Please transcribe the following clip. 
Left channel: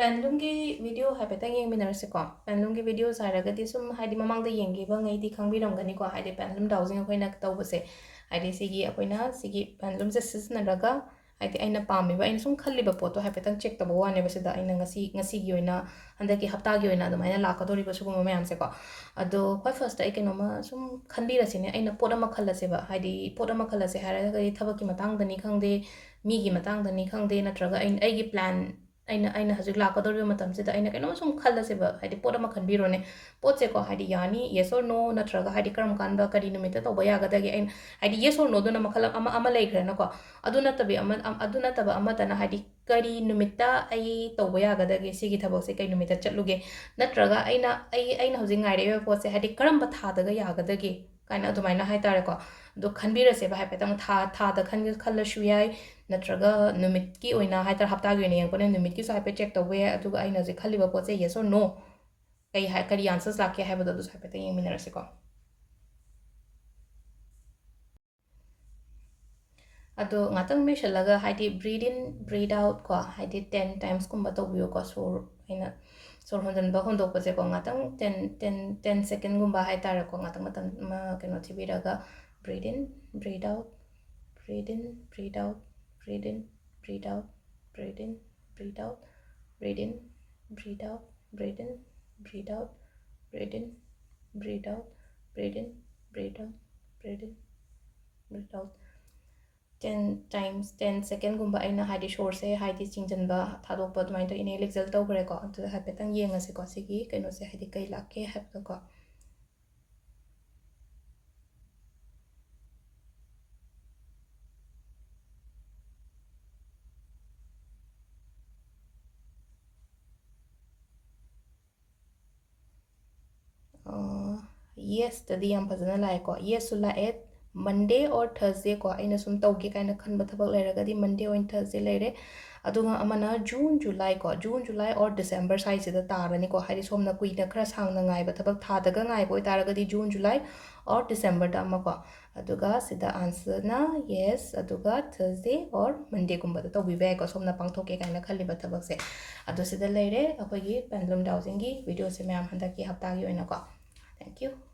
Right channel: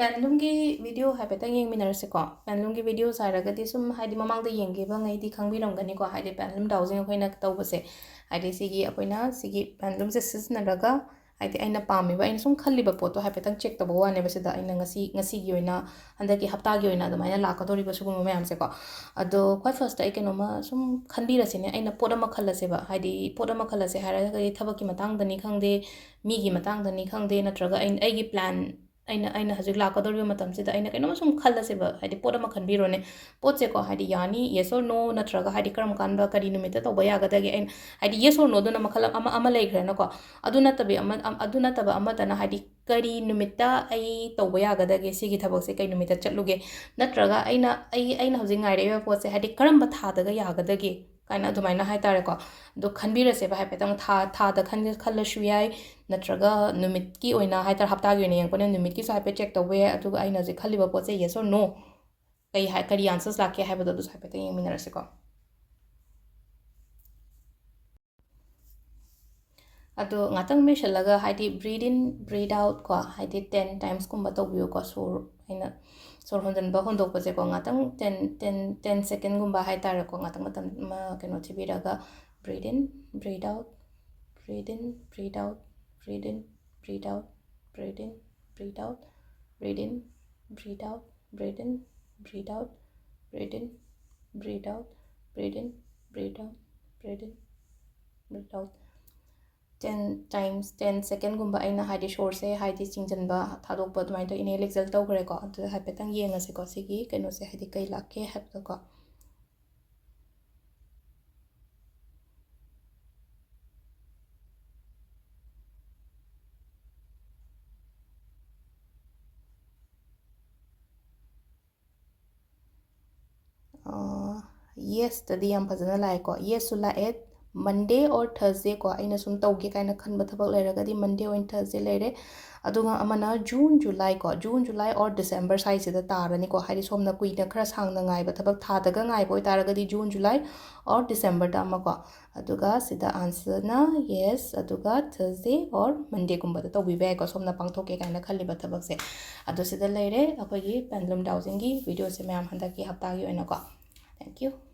Pendulum ki video haipetang yengminarase ko pendulum ki video saragadi sum haidi mamangda yengiba ngaidi khangbiramgani ko haidi pendulum dowsing akoina tawbase haidi sigi akoina sigi pendulum se sisnaraga haidi aina pamiba aina sum khalliba poto haipetang check tabo wane basida aina ngasi gi oina handaki haftagi oina adumaina lakadori ba suguma mayam se ko ado khoi first ai kenoma sum khanbirasine aina poda ma khallase ba haidi poda ma khallase haraga kai thabaki matang dani khangde mi gi matang dani khangde natraga ai gi plan aina hajik lakadori matamsida aina kainoma sum khallase ba haidi poda ma khanbirone potse ko haidi yani yes or no natraga haidi karam kanba kari numita toba yagadagi ain haidi yes or no duna makhala ama leikre na ko aduna tabi aduna taba ama tana haidi kari numita ai toba yagadagi sigi thabakse kai numita chatluge natraga aina hajik ngaire potse haidi karamba thadaga yagadagi kaina adumaina hai tare ko do khanbirase ba haipetang tha da khallashu yai natraga numit ki oina haitar hafta gi oina yangpone numit ki so haipe check tawwe aduga aina je khaliba potse yes or no kai hai kari answers lakhe haibado du haipe tang yengminarase ko ado ngatang me shalaga haidi breathe in breathe out ko haidi 10 times kumba tawbiyo ko so aina sor hondan ba hondok pase ko ngatang 10 second gumba hai tare ko ngatang matam ma keno thibiraga breathe in breathe out breathe in breathe out breathe in breathe out breathe in breathe out breathe in breathe out breathe in breathe out breathe in breathe out breathe in breathe out breathe in breathe out 10 times 10 second gumba aina haidi short se haidi chingjanba thadokpa dumai to inhale exhale to kare ko adu haipetang yengase ko sigi keno se haidi kai lakhe hapto ko yes tadi yam phajana lai ko yes sula et Monday or Thursday ko aina sum tawge kaina khanba thabak lairagadi Monday or Thursday laire aduga amana June July ko June July or December sai sida tarani ko hari somna kuina khara sangna ngai ba thabak tha daga ngai boi taragadi June July or December da ma ko aduga sida answer na yes aduga Thursday or Monday gumba da tawbi ba ko somna pangthoke kaina khalliba thabak se adu sida laire akogi pendulum dowsing gi video se mayam handaki hafta gi oina ko thank you